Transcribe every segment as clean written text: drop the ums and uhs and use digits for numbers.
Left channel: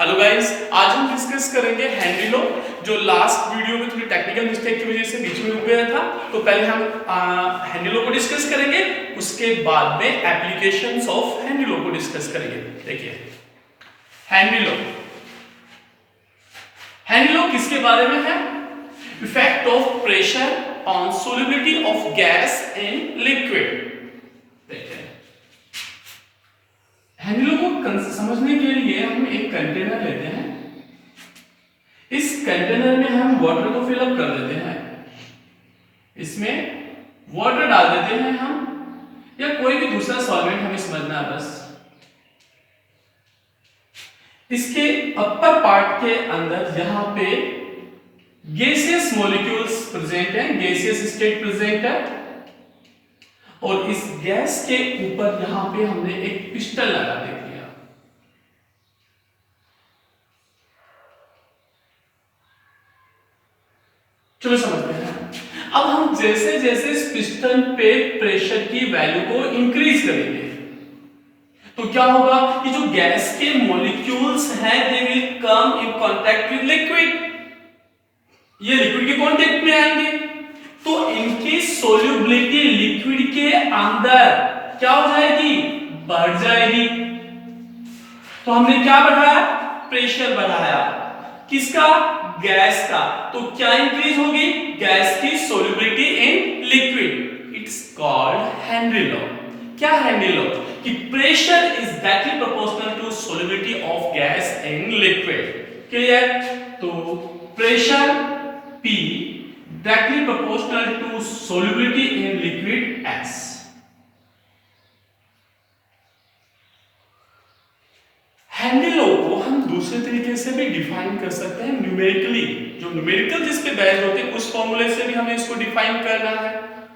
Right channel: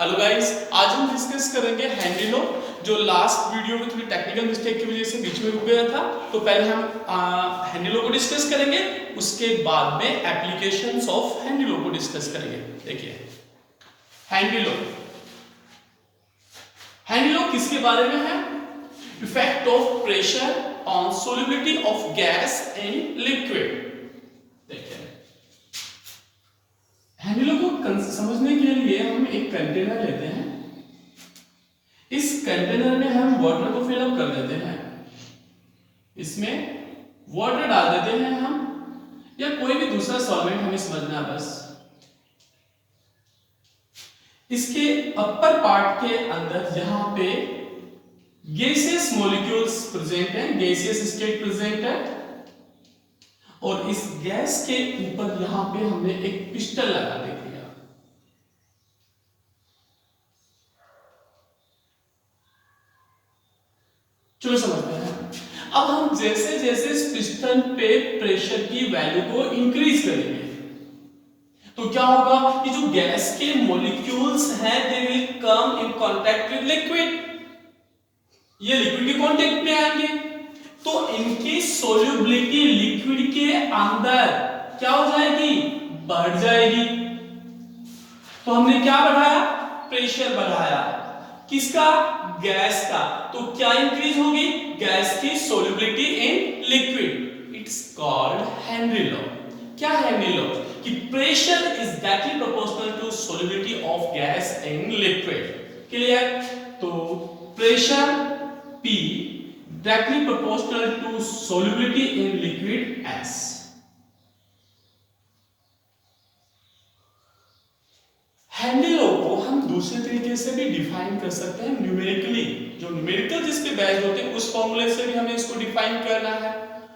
Hello guys, आज हम discuss करेंगे हेनरी लॉ। जो लास्ट वीडियो में थोड़ी टेक्निकल मिस्टेक की वजह से बीच में रुक गया था, तो पहले हम हेनरी लॉ को डिस्कस करेंगे, उसके बाद में एप्लीकेशंस ऑफ हेनरी लॉ को डिस्कस करेंगे। देखिए हेनरी लॉ, हेनरी लॉ किसके बारे में है? Effect of pressure on solubility of gas in liquid. देखिए हेनरी लॉ को समझने के लिए हम एक कंटेनर लेते हैं। इस कंटेनर में हम वाटर को फिलअप कर देते हैं, इसमें वाटर डाल देते हैं हम, या कोई भी दूसरा सॉल्वेंट हमें समझना है बस। इसके अपर पार्ट के अंदर यहां पे गैसियस मॉलिक्यूल्स प्रेजेंट हैं, गैसियस स्टेट प्रेजेंट है, और इस गैस के ऊपर यहां पे हमने एक पिस्टन लगा दिया। चलो समझते हैं। अब हम जैसे जैसे इस पिस्टन पे प्रेशर की वैल्यू को इंक्रीज करेंगे तो क्या होगा कि जो गैस के मॉलिक्यूल्स हैं they will come in contact with liquid, ये लिक्विड के कांटेक्ट में आएंगे, तो इनकी सोल्युबिलिटी लिक्विड के अंदर क्या हो जाएगी? बढ़ जाएगी। तो हमने क्या बढ़ाया? प्रेशर बढ़ाया। किसका? गैस का। तो क्या इंक्रीज होगी? गैस की solubility in liquid. It's called Henry law. क्या हेनरी लॉ? कि pressure is directly proportional to solubility of gas in liquid. Clear? तो pressure P directly proportional to solubility in liquid S। Henry law को हम दूसरे तरीके से भी define कर सकते हैं, न्यूमेरिकली। जो न्यूमेरिकल जिस पे बेस्ड होते हैं उस फॉर्मूले से भी हमें इसको डिफाइन करना है।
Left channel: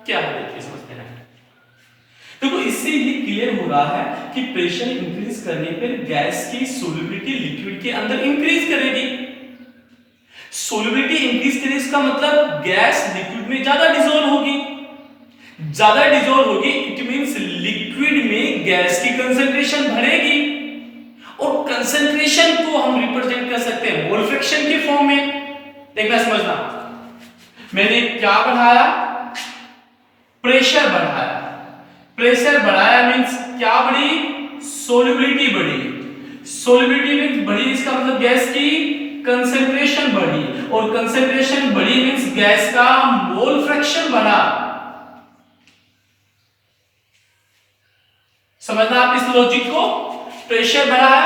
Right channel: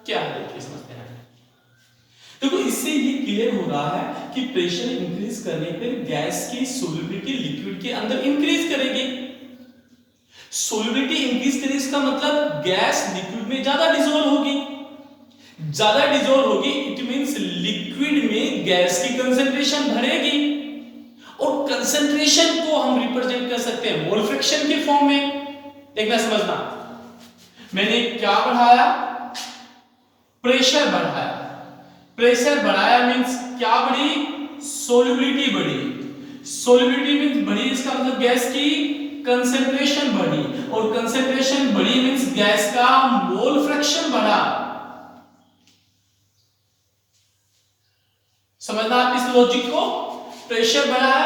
क्या है देखिए, समझते हैं। देखो इससे ये क्लियर हो रहा है कि प्रेशर इंक्रीज करने पर गैस की सोल्युबिलिटी लिक्विड के अंदर इंक्रीज करेगी। सोल्युबिलिटी इंक्रीज करे इसका मतलब गैस लिक्विड में ज्यादा डिसॉल्व होगी। ज्यादा डिसॉल्व होगी इट मींस लिक्विड में गैस की कंसंट्रेशन बढ़ेगी, और कंसंट्रेशन को हम रिप्रेजेंट कर सकते हैं मोल फ्रैक्शन के फॉर्म में। देखना समझना, मैंने क्या बढ़ाया? प्रेशर बढ़ाया। प्रेशर बढ़ाया मींस क्या बढ़ी? सोल्युबिलिटी बढ़ी। सोल्युबिलिटी मींस बढ़ी, इसका मतलब गैस की कंसंट्रेशन बढ़ी, और कंसंट्रेशन बढ़ी मींस गैस का मोल फ्रैक्शन बढ़ा। समझना आप इस लॉजिक को? प्रेशर बढ़ा,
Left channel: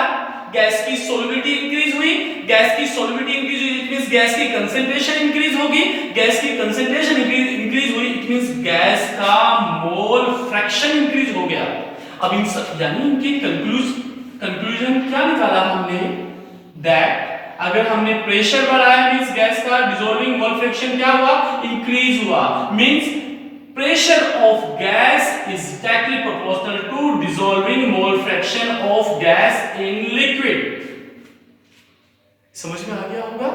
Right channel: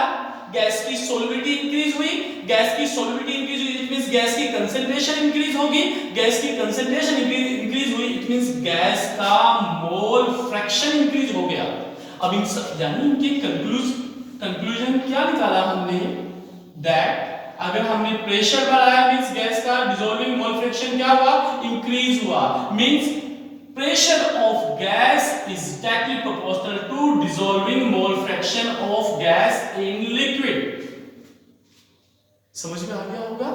गैस की सोल्युबिलिटी इंक्रीज हुई, गैस की सोल्युबिलिटी इंक्रीज हुई इट मींस गैस की कंसंट्रेशन इंक्रीज होगी, गैस की कंसंट्रेशन इंक्रीज हुई इट मींस गैस का मोल फ्रैक्शन इंक्रीज हो गया। अब इन यानी इनके कंक्लूजन क्या निकाला हमने? दैट अगर हमने प्रेशर बढ़ाया मींस गैस का डिसॉल्विंग मोल फ्रैक्शन क्या हुआ? इंक्रीज हुआ। Means pressure of gas is directly proportional to dissolving mole fraction of gas in liquid। समझ में आ गया होगा?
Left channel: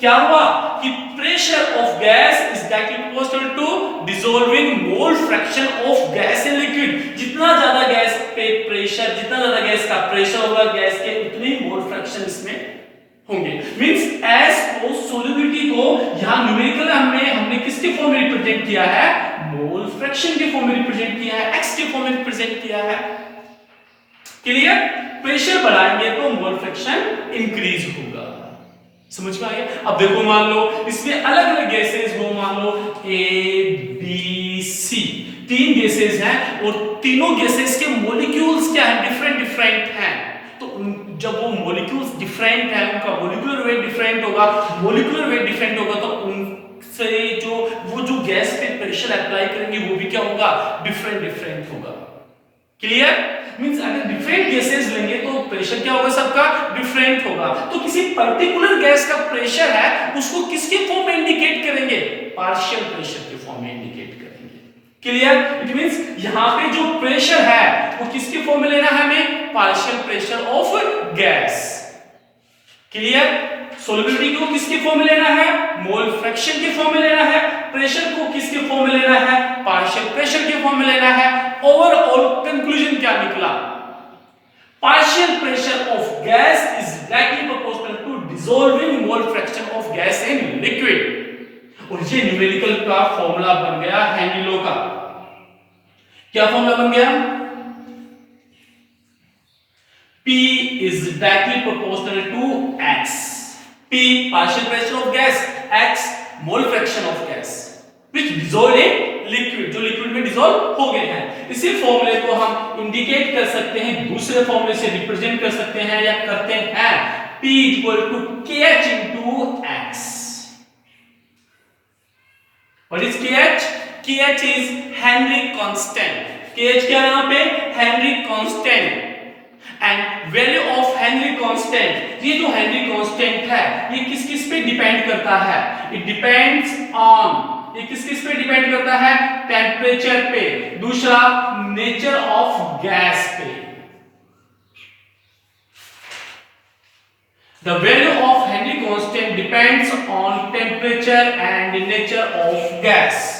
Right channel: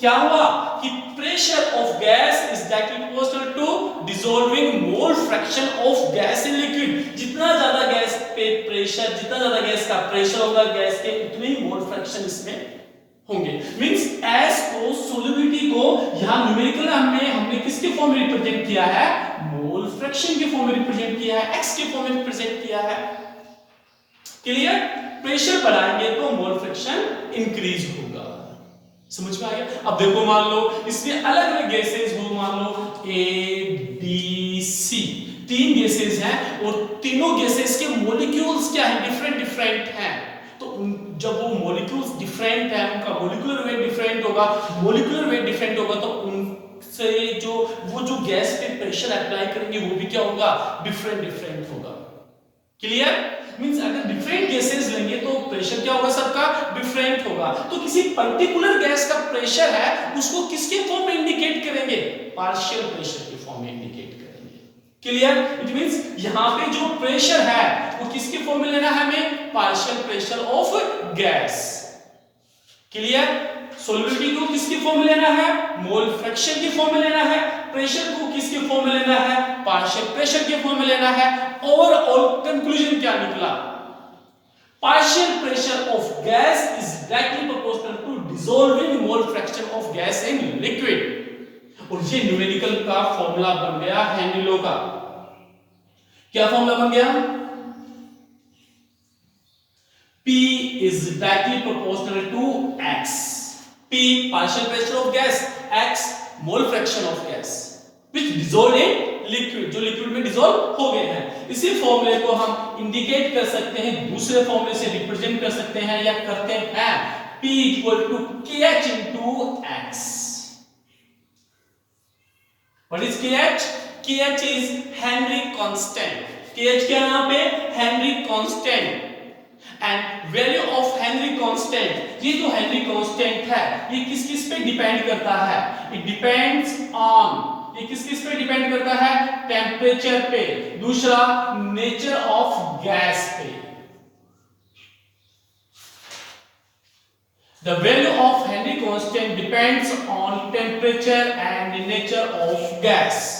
क्या हुआ कि pressure of gas is directly proportional to dissolving mole fraction of gas in liquid। जितना ज्यादा गैस पे प्रेशर, जितना ज्यादा गैस का प्रेशर होगा गैस के, उतनी मोल फ्रैक्शन इसमें होंगे। मींस S को, सोल्युबिलिटी को यहां न्यूमेरिकल हमने किसके फॉर्म में रिप्रेजेंट किया है? मोल फ्रैक्शन के फॉर्म में रिप्रेजेंट किया है, x के फॉर्म में रिप्रेजेंट किया है। क्लियर? प्रेशर बढ़ाएंगे तो मोल फ्रैक्शन इंक्रीज होगा। समझ में आ गया? अब देखो मान लो इसमें अलग अलग गैसेस हो, मान लो A B C, तीन गैसेस हैं, और तीनों गैसेस के मॉलिक्यूल्स क्या हैं? डिफरेंट हैं। तो जब वो मॉलिक्यूल्स डिफरेंट हैं, उनका मॉलिक्यूलर वेट डिफरेंट होगा, तो उनसे जो गैस पे प्रेशर अप्लाई करेंगे वो भी क्या होगा? डिफरेंट होगा। क्लियर? मींस अगर डिफरेंट गैसेस लेंगे तो प्रेशर क्या होगा? सबका डिफरेंट होगा। तो किसी पर्टिकुलर गैस का प्रेशर है उसको किसके फॉर्म में इंडिकेट करेंगे? पार्शियल प्रेशर के फॉर्म में इंडिकेट करेंगे। क्लियर? इट मींस यहां पे जो प्रेशर है वो किसके फॉर्म में लेना है हमें? Partial pressure of gas. Clear? Solubility को किसके फॉर्म में लेना है? मोल फ्रैक्शन के फॉर्म में लेना है। प्रेशर को किसके फॉर्म में लेना है? पार्शियल प्रेशर के फॉर्म में लेना है। ओवरऑल कंक्लूजन क्या निकला? Partial pressure of gas is directly proportional dissolving mole fraction of gas in liquid। और ये न्यूमेरिकल का फॉर्मूला बन गया हेनरी लॉ का। क्या फॉर्मूला बन गया? P is directly proportional to X। P partial pressure of gas, X mole fraction of gas which dissolved in liquid, जो लिक्विड में डिसॉल्व हो गए हैं। इसी फॉर्मूले को हम इंडिकेट कर सकते हैं, दूसरे फॉर्मूले से रिप्रेजेंट कर सकते हैं या करते हैं, P equal to KH into X। What is KH? KH is Henry constant। KH क्या यहाँ पे? Henry constant। And value of Henry constant, ये जो हेनरी कांस्टेंट है ये किस किस पे डिपेंड करता है? इट डिपेंड्स ऑन, ये किस किस पे डिपेंड करता है? टेम्परेचर पे, दूसरा नेचर ऑफ गैस पे। The value of Henry constant depends on temperature and nature of gas.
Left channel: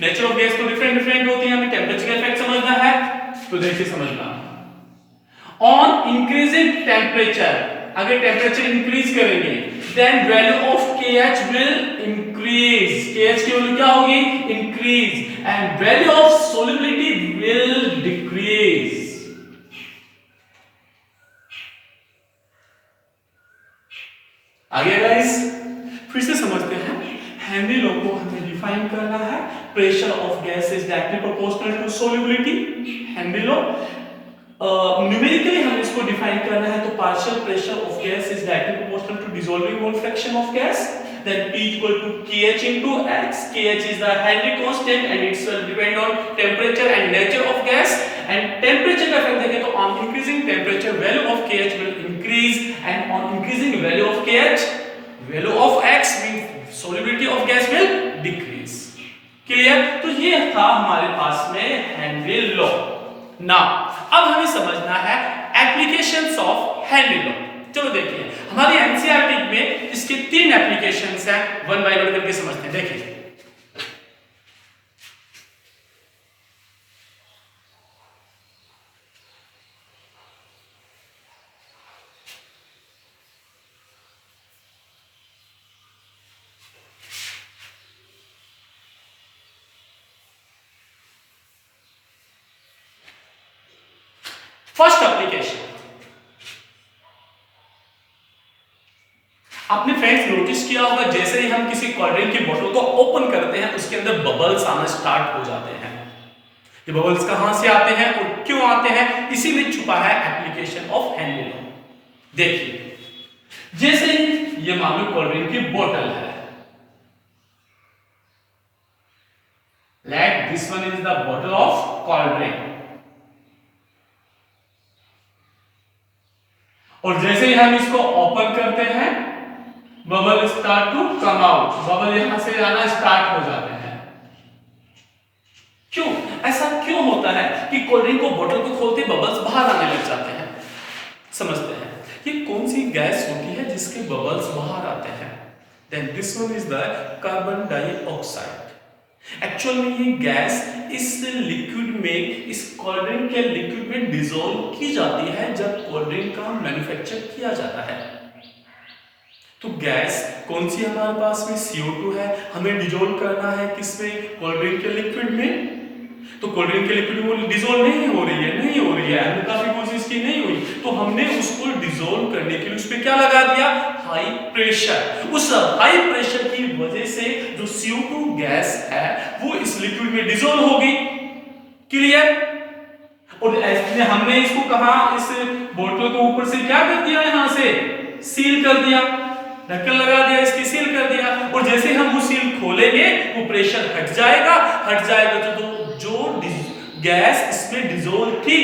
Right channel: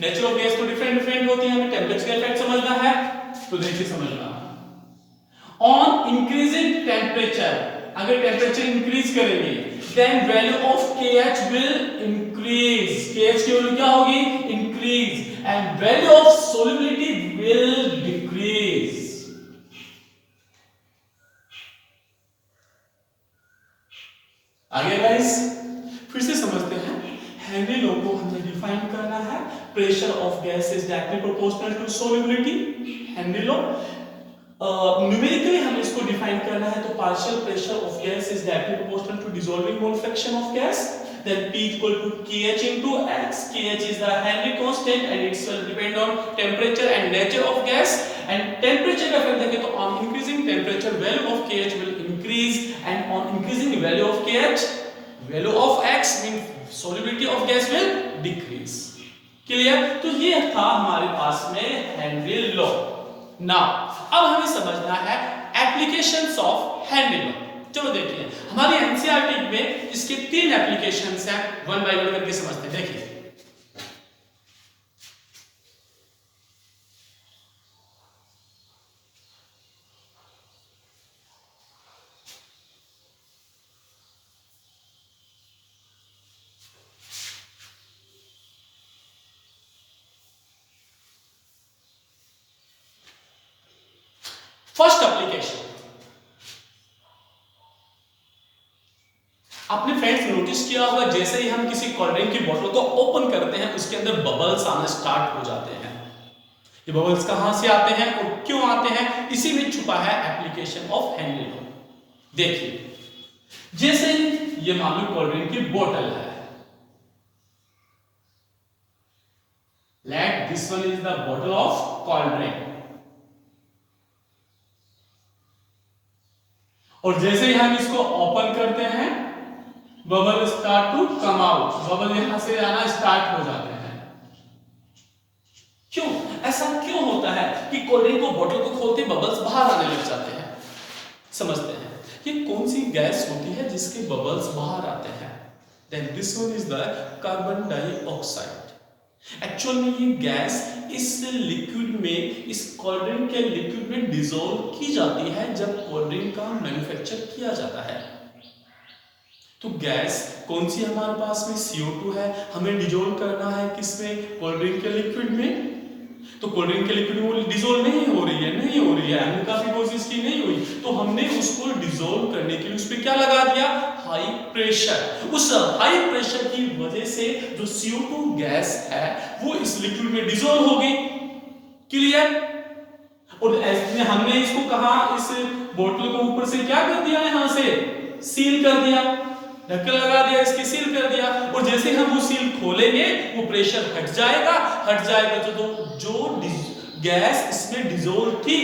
Nature of gas तो डिफरेंट डिफरेंट होती है, हमें टेम्परेचर का इफेक्ट समझना है तो देखिए समझना। ऑन इंक्रीजिंग टेम्परेचर, अगर टेम्परेचर इंक्रीज करेंगे then value of KH will increase. KH की वैल्यू क्या होगी? Increase. And value of solubility will decrease. आगे गाइस फिर से समझते हैं। हेनरी लॉ को हमें डिफाइन करना है। Pressure of gas is directly proportional to solubility. Henry law numerically हम इसको डिफाइन करना है तो partial pressure of gas is directly proportional to dissolving mole fraction of gas, then P equal to KH into X। KH is the Henry constant and it will depend on temperature and nature of gas, and temperature का effect देखें तो on increasing temperature value of KH will increase, and on increasing value of KH value of X means solubility of gas will decrease। Clear? तो ये था हमारे पास में Henry law. Now अब हमें समझना है एप्लीकेशंस ऑफ हेनरी लॉ। चलो देखिए हमारी एनसीईआरटी में इसके 3 एप्लीकेशंस हैं, वन बाय वन करके समझते हैं। देखिए फर्स्ट एप्लीकेशन, आपने फ्रेंड्स नोटिस किया होगा जैसे ही हम किसी कोल्ड ड्रिंक की बोतल को ओपन करते हैं उसके अंदर बबल्स आना स्टार्ट हो जाते हैं। ये बबल्स कहां से आते हैं और क्यों आते हैं, इसी में छुपा है एप्लीकेशन ऑफ हेनरी लॉ। देखिए जैसे ही ये मान लो कोल्ड ड्रिंक की बोतल है, let this one is the बोतल ऑफ कोल्ड ड्रिंक, और जैसे ही हम इसको ओपन करते हैं bubble start to come out, bubble यहां से आना स्टार्ट हो जाते हैं। क्यों ऐसा क्यों होता है कि कोल्ड ड्रिंक को बोतल को खोलते बबल्स बाहर आने लग जाते हैं? समझते हैं ये कौन सी गैस होती है जिसके बबल्स बाहर आते हैं? Then this one is the carbon dioxide. Actual में ये गैस इस लिक्विड में, इस कोल्ड ड्रिंक के लिक्विड में डिसॉल्व की जाती है जब कोल्ड ड्रिंक का मैन्युफैक्चर किया जाता है। तो गैस कौन सी हमारे पास में CO2 है, हमें डिसॉल्व करना है किसमें? कोल्ड ड्रिंक के लिक्विड में। तो कोल्ड ड्रिंक के लिक्विड में वो डिसॉल्व नहीं हो रही है, हमने काफी कोशिश की नहीं हुई, तो हमने उसको डिसॉल्व करने के लिए उस पर क्या लगा दिया? High pressure. उस हाई प्रेशर की वजह से जो CO2 गैस है वो इस लिक्विड में डिसॉल्व हो गई। क्लियर? और ऐसे हमने इसको कहा, इस बोतल को ऊपर से क्या कर दिया, यहां से सील कर दिया, ढक्कन लगा दिया, इसकी सील कर दिया, और जैसे हम वो सील खोलेंगे वो प्रेशर हट जाएगा जो गैस इसमें डिसॉल्व थी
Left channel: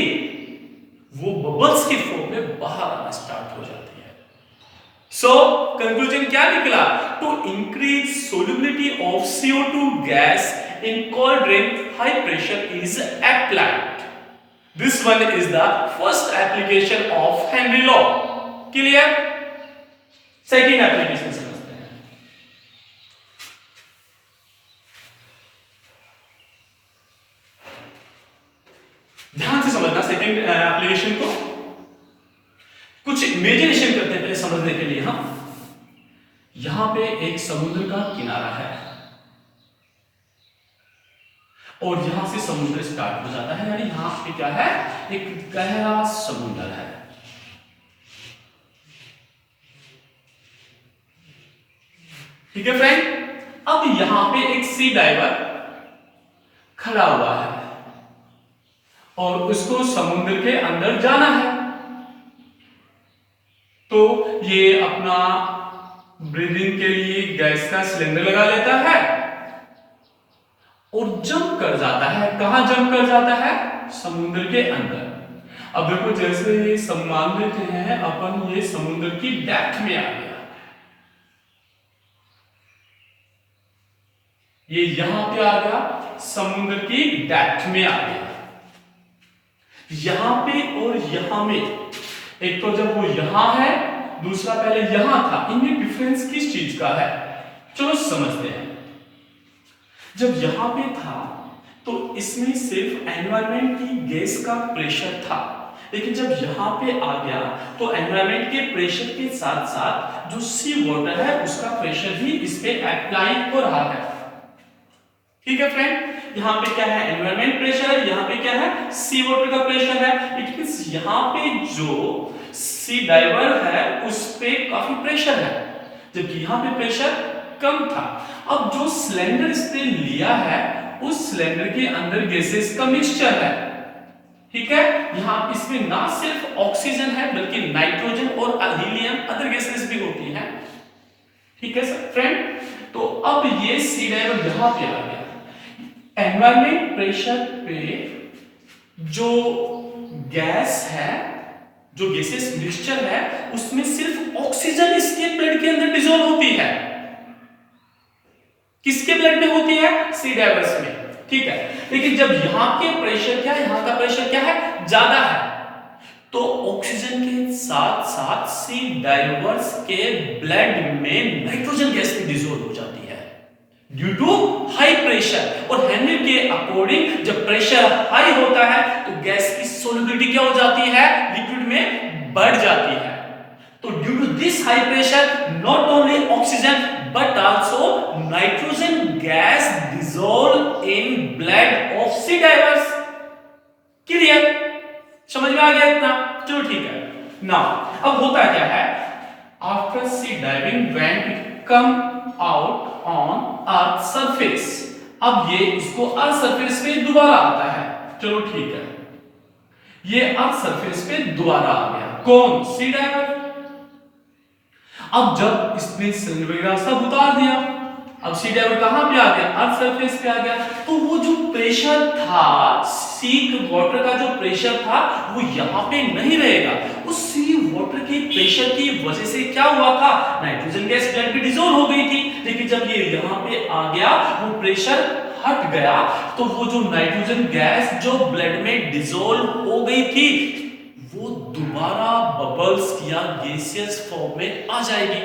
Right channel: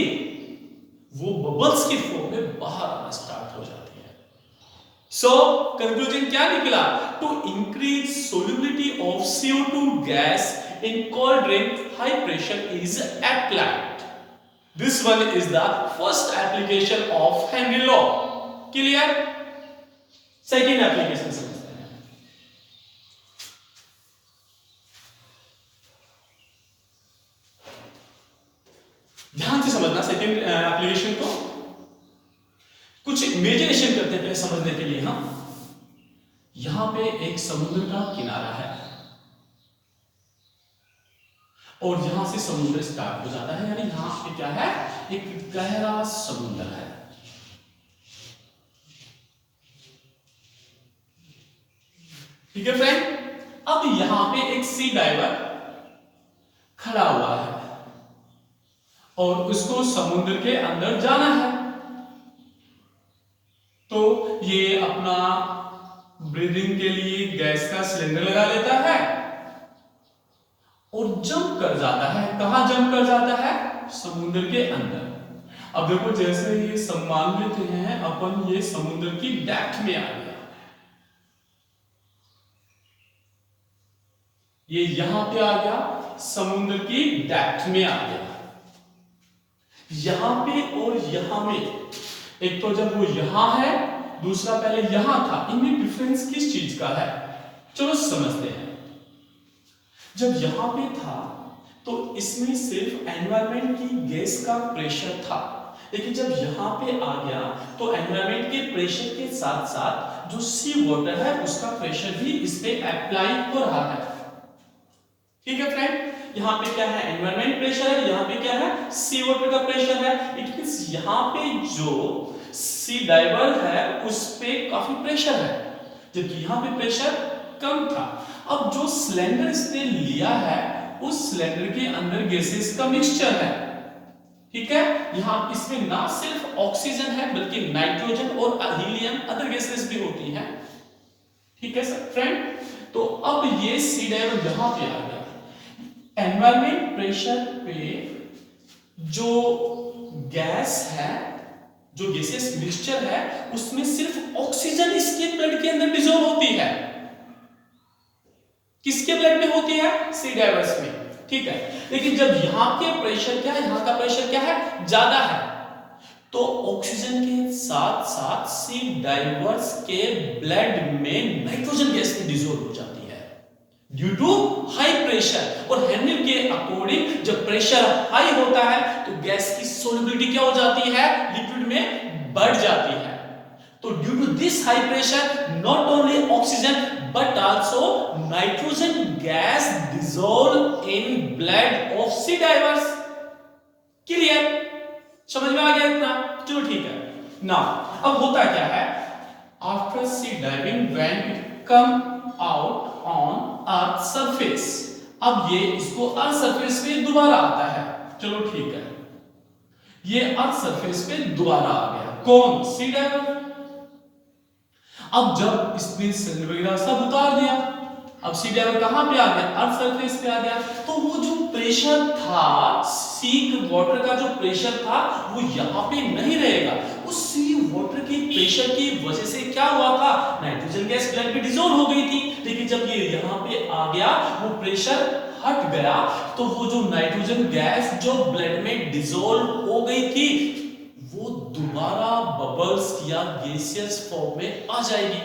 वो बबल्स की फॉर्म में बाहर आना स्टार्ट हो जाती है। सो कंक्लूजन क्या निकला? To increase solubility of CO2 gas in cold drink high pressure is applied. This one is the first application of Henry law. Clear? Second application समझते हैं। ध्यान से समझना सेकेंड एप्लीकेशन को। कुछ इमेजिनेशन करते हैं पहले समझने के लिए। हम यहां पे एक समुद्र का किनारा है और यहां से समुद्र स्टार्ट हो जाता है, यानी यहां पे क्या है, एक गहरा समुद्र है। ठीक है फ्रेंड, अब यहां पे एक सी डाइवर खड़ा हुआ है और उसको समुद्र के अंदर जाना है। तो ये अपना ब्रीदिंग के लिए गैस का सिलेंडर लगा लेता है और जंप कर जाता है। कहां जंप कर जाता है? समुद्र के अंदर। अब देखो, जैसे ये मान लेते हैं अपन, ये समुद्र की डेप्थ में आ गया, ये यहां पे आ गया, समुद्र की डेप्थ में आ गया। यहां पे और यहां में, एक तो जब वो यहां है, दूसरा पहले यहां था, इनमें डिफरेंस किस चीज का है? चलो समझते हैं। जब यहां पे था तो इसमें सिर्फ एनवायरनमेंट की गैस का प्रेशर था, लेकिन जब यहां पे आ गया तो एनवायरनमेंट के प्रेशर के साथ साथ जो सी वाटर है उसका प्रेशर भी इस पे अप्लाई हो रहा है। ठीक है फ्रेंड, यहाँ पे क्या है? एनवायरनमेंट प्रेशर है, यहाँ पे क्या है? सी वाटर का प्रेशर है। इट मींस यहाँ पे जो सी डाइवर है उस पे काफी प्रेशर है, जबकि यहाँ पे प्रेशर कम था। अब जो सिलेंडर इसने लिया है उस सिलेंडर के अंदर गैसेस का मिक्सचर है। ठीक है, यहाँ इसमें ना सिर्फ ऑक्सीजन है बल्कि नाइट्रोजन और हीलियम, अदर गैसेस भी होती हैं। ठीक है सर फ्रेंड, तो अब ये सी डाइवर यहां पे आ गया। एनवायरनमेंट प्रेशर पे जो गैस है, जो गैसेस मिक्सचर है, उसमें सिर्फ ऑक्सीजन इसके ब्लड के अंदर डिसॉल्व होती है। किसके ब्लड में होती है? सी डाइवर्स में। ठीक है, लेकिन जब यहां के प्रेशर क्या है, यहां का प्रेशर क्या है, ज्यादा है, तो ऑक्सीजन के साथ साथ सी डाइवर्स के ब्लड में नाइट्रोजन गैस डिसॉल्व हो जाती है ड्यू टू हाई प्रेशर। और हेनरी के अकॉर्डिंग जब प्रेशर हाई होता है तो गैस की सोल्युबिलिटी क्या हो जाती है? लिक्विड में बढ़ जाती है। तो due to this high pressure not only oxygen but also nitrogen gas dissolve in blood of sea divers. Clear? समझ में आ गया इतना? चलो ठीक है। नाउ अब होता क्या है, after sea diving when it come out on earth surface, अब ये इसको अर्थ सरफेस पे दोबारा आता है। चलो ठीक है, ये अर्थ सरफेस पे दोबारा आ गया। कौन? सी डाइवर। अब जब इसने सिलेंडर वगैरह सब उतार दिया, अब सी डाइवर कहां पे आ गया? अर्थ सरफेस पे आ गया। तो वो जो प्रेशर था, सी वाटर का जो प्रेशर था वो यहां पे नहीं रहेगा। उस सी वाटर के प्रेशर की वजह से क्या हुआ था? नाइट्रोजन गैस ब्लड में डिसॉल्व हो गई थी, लेकिन जब ये यहां पे आ गया वो प्रेशर हट गया, तो वो जो नाइट्रोजन गैस जो ब्लड में डिसॉल्व हो गई थी वो दोबारा बबल्स या गैसियस फॉर्म में आ जाएगी।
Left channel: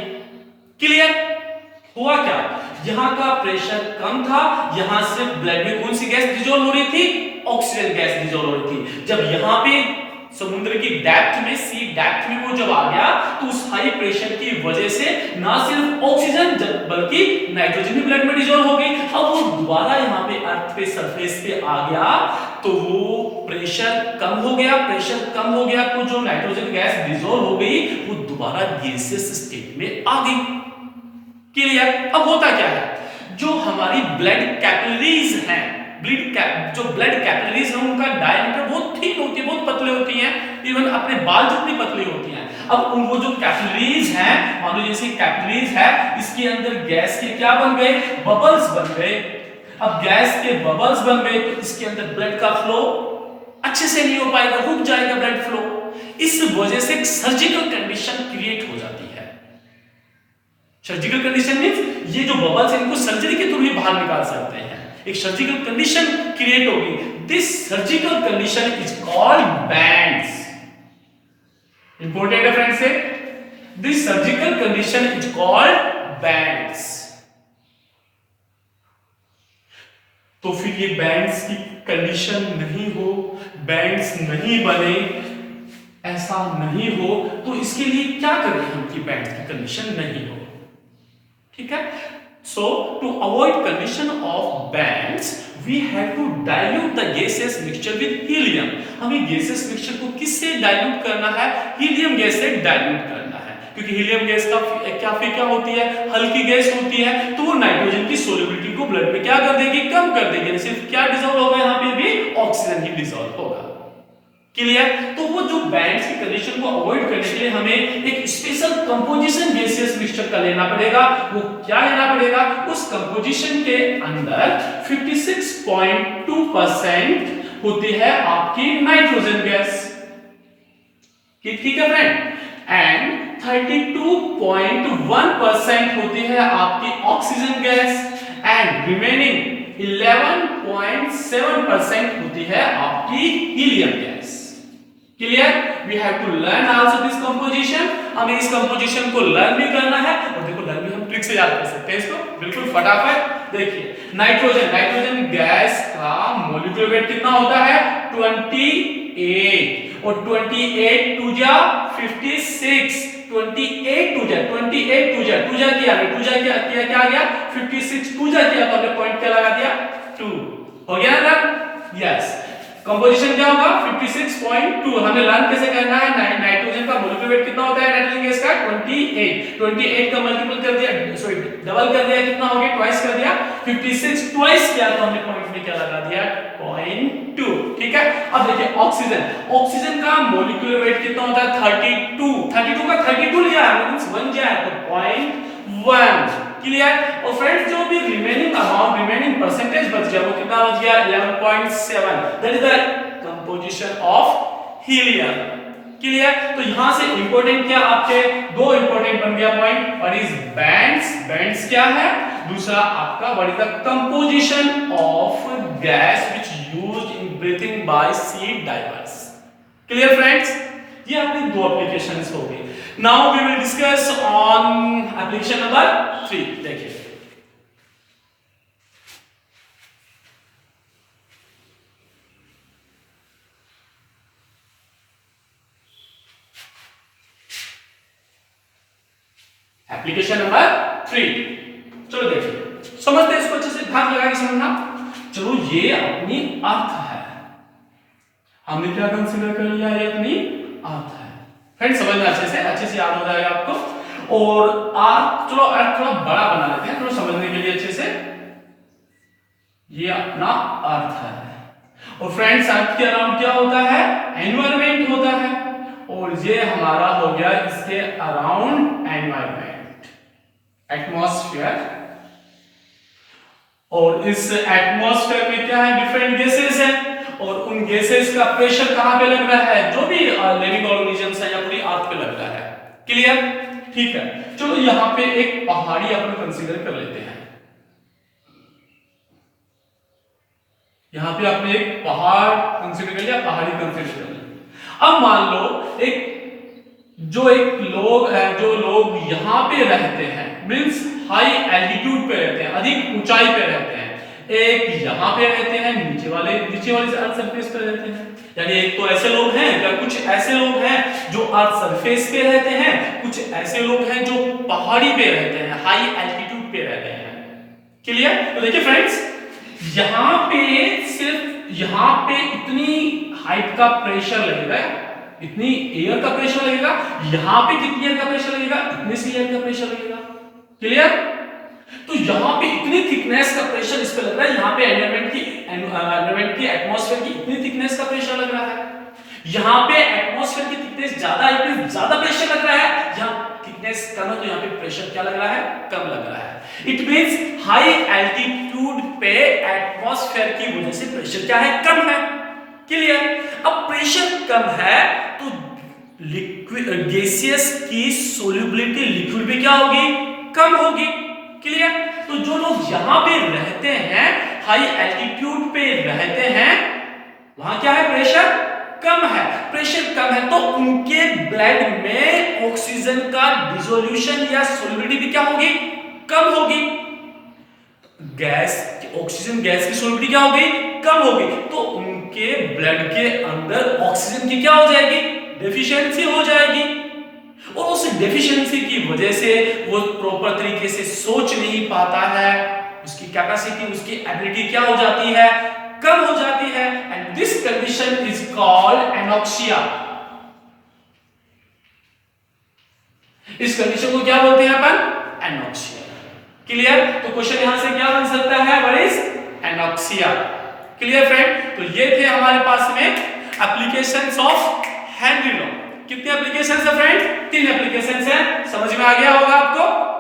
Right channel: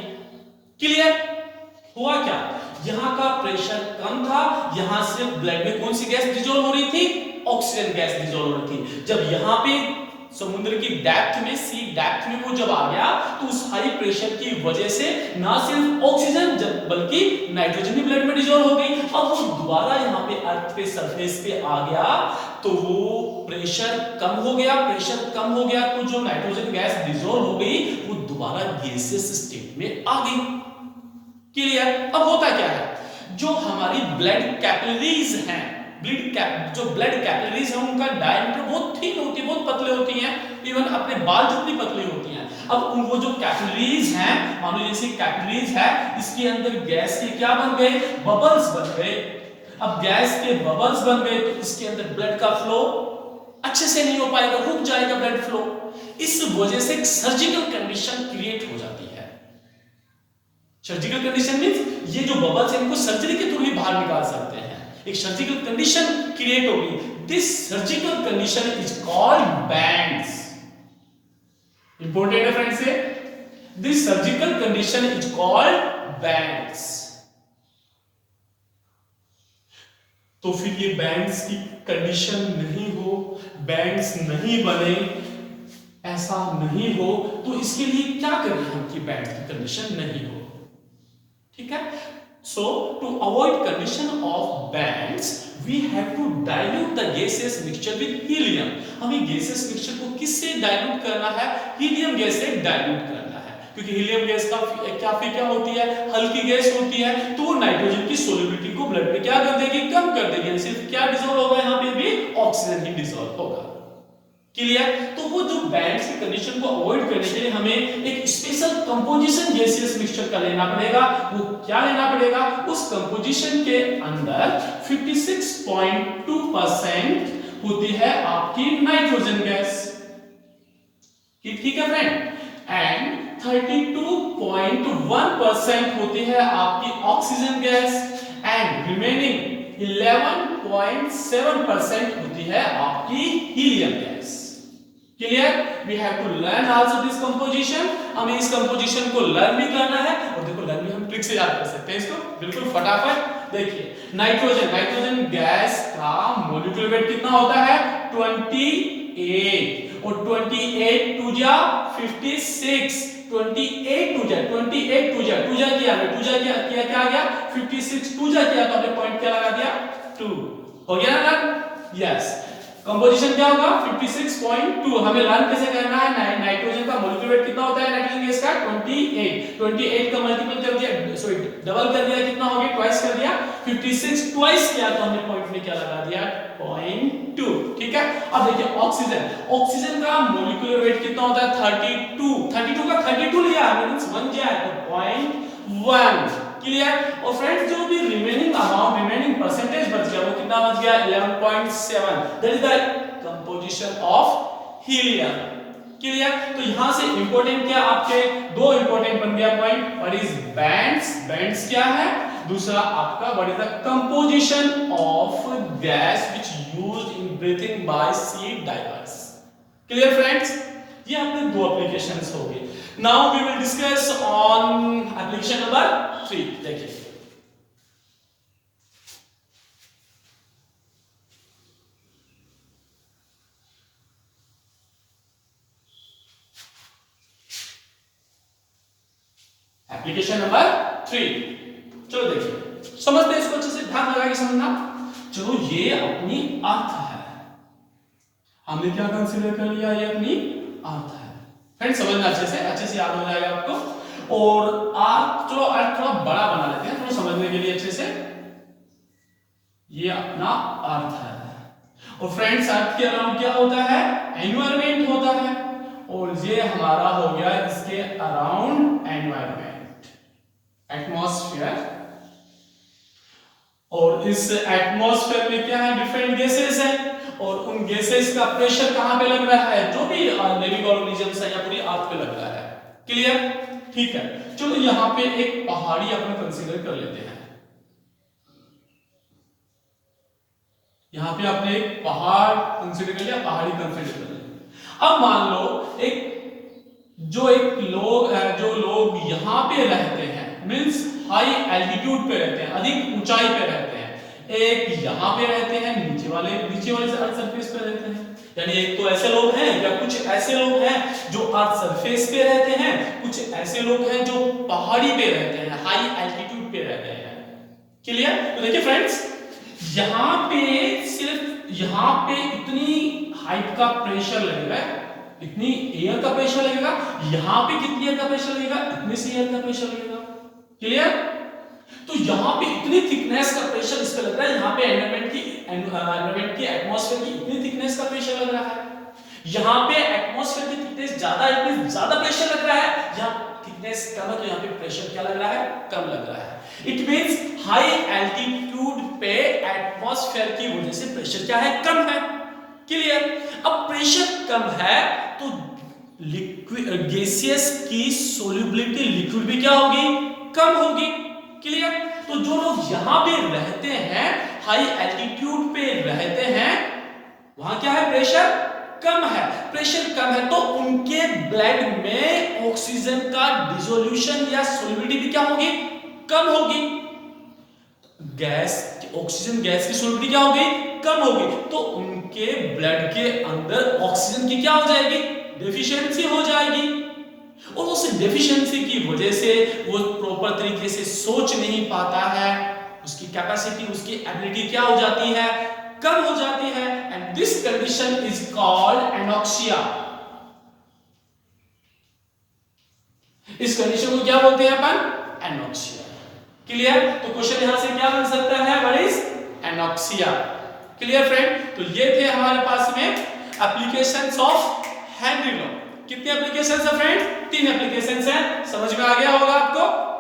क्लियर? हुआ क्या? यहां का प्रेशर कम था, यहां से ब्लड में कौन सी गैस डिसॉल्व हो रही थी? ऑक्सीजन गैस डिसॉल्व हो रही थी। जब यहां पे समुद्र की डेप्थ में, सी डेप्थ में वो जब आ गया तो उस हाई प्रेशर की वजह से ना सिर्फ ऑक्सीजन बल्कि नाइट्रोजन भी ब्लड में डिसॉल्व हो गई। अब वो दोबारा यहां पे अर्थ पे सरफेस पे आ गया तो वो प्रेशर कम हो गया, प्रेशर कम हो गया तो जो नाइट्रोजन गैस डिसॉल्व हो गई वो दोबारा गैसियस स्टेट में आ गई। क्लियर? अब होता क्या है, जो हमारी ब्लड कैपिलरीज हैं, जो ब्लड कैपिलरीज हैं उनका डायमीटर बहुत थिन होती है, बहुत पतले होती हैं, इवन अपने बाल जितनी पतली होती हैं। अब वो जो कैपिलरीज हैं, मान लो जैसे कैपिलरीज है, इसके अंदर गैस के क्या बन गए? बबल्स बन गए। अब गैस के बबल्स बन गए तो इसके अंदर ब्लड का फ्लो अच्छे से नहीं हो पाएगा, रुक जाएगा ब्लड फ्लो। इस वजह से एक सर्जिकल कंडीशन क्रिएट हो जाती है। सर्जिकल कंडीशन मींस ये जो बबल्स हैं इनको सर्जरी के थ्रू ही बाहर निकाल सकते हैं, एक सर्जिकल कंडीशन क्रिएट होगी। This surgical condition is called bands. Important है फ्रेंड्स से, this surgical condition is called bands. तो फिर ये बैंड्स की कंडीशन नहीं हो, बैंड्स नहीं बने, ऐसा नहीं हो, तो इसके लिए क्या करें हम कि बैंड की कंडीशन नहीं हो? ठीक है। So to avoid condition of bends we have to dilute the gaseous mixture with helium. हमें गैसियस मिक्सचर को किससे डाइल्यूट करना है? हीलियम गैस से डाइल्यूट करना है, क्योंकि हीलियम गैस का क्या होती है? हल्की गैस होती है, तो वो नाइट्रोजन की सोल्युबिलिटी को ब्लड में क्या कर देगी? कम कर देगी। सिर्फ क्या डिसॉल्व होगा यहाँ पे भी? ऑक्सीजन ही डिसॉल्व होगा। क्लियर? तो वो जो बैंड्स की कंडीशन को अवॉइड करने के लिए हमें एक स्पेशल कंपोजिशन गैसियस मिक्सचर का लेना पड़ेगा। वो क्या लेना पड़ेगा? उस कंपोजिशन के अंदर 56.2% होती है आपकी नाइट्रोजन गैस, ठीक है फ्रेंड, एंड 32.1% होती है आपकी ऑक्सीजन गैस, एंड रिमेनिंग 11.7% होती है आपकी helium gas. Clear? We have to learn also this composition. हमें इस कंपोजिशन को लर्न भी करना है, और देखो लर्न भी हम ट्रिक से याद कर सकते हैं इसको बिल्कुल फटाफट। देखिए नाइट्रोजन गैस का मॉलिक्यूलर वेट कितना होता है? 28, और 28 टू जा 56, 28 टू जा किया क्या आ गया? 56 टू जा किया तो हमने पॉइंट क्या लगा दिया? 2 हो गया ना? यस। कंपोजिशन क्या होगा? 56.2। हमें लर्न कैसे करना है? नाइट्रोजन का मॉलिक्यूलर वेट कितना होता है नाइट्रोजन गैस का? 28 का मल्टीपल कर दिया, सॉरी डबल कर दिया, कितना हो गया? ट्वाइस कर दिया। 56 ट्वाइस किया तो हमने पॉइंट में क्या लगा दिया? 0.2। ठीक है। अब देखिए ऑक्सीजन का मॉलिक्यूलर वेट कितना होता है? 32 का 32 लिया मींस 1 जाए तो 0.1। क्लियर? और फ्रेंड्स जो भी रिमेनिंग परसेंटेज बच गया वो कितना बच गया? 11.7। That is the composition of helium. Clear? तो यहां से इंपॉर्टेंट क्या आपके दो इंपॉर्टेंट बन गया पॉइंट। व्हाट इज बैंड्स क्या है? दूसरा आपका what is the composition of gas which used in breathing by sea divers. Clear friends? ये अपनी दो एप्लीकेशंस हो गई। Now we will discuss on application number 3। देखिए एप्लीकेशन नंबर 3। चलो देखिए समझते हैं इसको अच्छे से, ध्यान लगा के समझना। चलो ये अपनी अर्थ है, हमने क्या कंसीडर कर लिया? ये अपनी अर्थ है। फ्रेंड समझना अच्छे से याद हो जाएगा आपको। और अर्थ, चलो अर्थ थोड़ा बड़ा बना लेते हैं थोड़ा समझने के लिए अच्छे से। ये अपना अर्थ है, और फ्रेंड्स अर्थ के अराउंड क्या होता है? एनवायरनमेंट होता है, और ये हमारा हो गया इसके अराउंड एनवायरनमेंट, एटमॉस्फेयर। और इस एटमॉस्फेयर में क्या है? डिफरेंट गैसेस है, और उन गैसेस का प्रेशर कहां पे लग रहा है? जो भी लिविंग ऑर्गेनिजम्स है या पूरी अर्थ पे लग रहा है। क्लियर? ठीक है। चलो यहां पे एक पहाड़ी अपन कंसीडर कर लेते हैं। यहां पे आपने एक पहाड़ कंसीडर कर लिया, पहाड़ी कंसीडर कर लिया। अब मान लो एक लोग यहां पे रहते हैं, मींस हाई एल्टीट्यूड पे रहते हैं, अधिक ऊंचाई पे रहते हैं। एक यहां पे रहते हैं, नीचे वाले अर्थ सरफेस पे रहते हैं। यानी एक तो ऐसे लोग हैं या कुछ ऐसे लोग हैं जो अर्थ सरफेस पे रहते हैं, कुछ ऐसे लोग हैं जो पहाड़ी पे रहते हैं, हाई एल्टीट्यूड पे रहते हैं। क्लियर? तो देखिए फ्रेंड्स यहां पे इतनी हाइट का प्रेशर लगेगा, इतनी एयर का प्रेशर लगेगा। यहां पे कितनी एयर का प्रेशर लगेगा? इतने से एयर का प्रेशर लगेगा। क्लियर? तो यहां पे इतनी थिकनेस का प्रेशर इस पे लग रहा है, यहां पे एनवायरनमेंट की एटमॉस्फेयर की इतनी थिकनेस का प्रेशर लग रहा है। यहां पे एटमॉस्फेयर की थिकनेस ज्यादा है, इसमें ज्यादा प्रेशर लग रहा है। यहां थिकनेस कम है तो यहां पे प्रेशर क्या लग रहा है? कम लग रहा है। इट मींस हाई एल्टीट्यूड पे एटमॉस्फेयर की वजह से प्रेशर क्या है? कम है। क्लियर? अब प्रेशर कम है तो लिक्विड गैसियस की सोल्युबिलिटी लिक्विड में क्या होगी? कम होगी। क्लियर? तो जो लोग यहां पे रहते हैं, हाई एल्टीट्यूड पे रहते हैं, वहां क्या है? प्रेशर कम है। प्रेशर कम है तो उनके ब्लड में ऑक्सीजन का डिसोल्यूशन या सोल्युबिलिटी भी क्या होगी? कम होगी। ऑक्सीजन गैस की सोल्युबिलिटी क्या हो गई? कम हो गई। तो उनके ब्लड के अंदर ऑक्सीजन की क्या हो जाएगी? डेफिशिएंसी हो जाएगी। और उस डेफिशिएंसी की वजह से वो प्रॉपर तरीके से सोच नहीं पाता है, उसकी कैपेसिटी, उसकी एबिलिटी क्या हो जाती है, कम हो जाती है, and this condition is called anoxia. इस कंडीशन को क्या बोलते हैं अपन, एनोक्सिया। क्लियर? तो क्वेश्चन यहां से क्या बन सकता है, what is anoxia. Clear friend? तो ये थे हमारे पास में एप्लीकेशंस ऑफ हेनरी लॉ। कितने एप्लीकेशंस है फ्रेंड, 3 एप्लीकेशंस हैं, समझ में आ गया होगा आपको।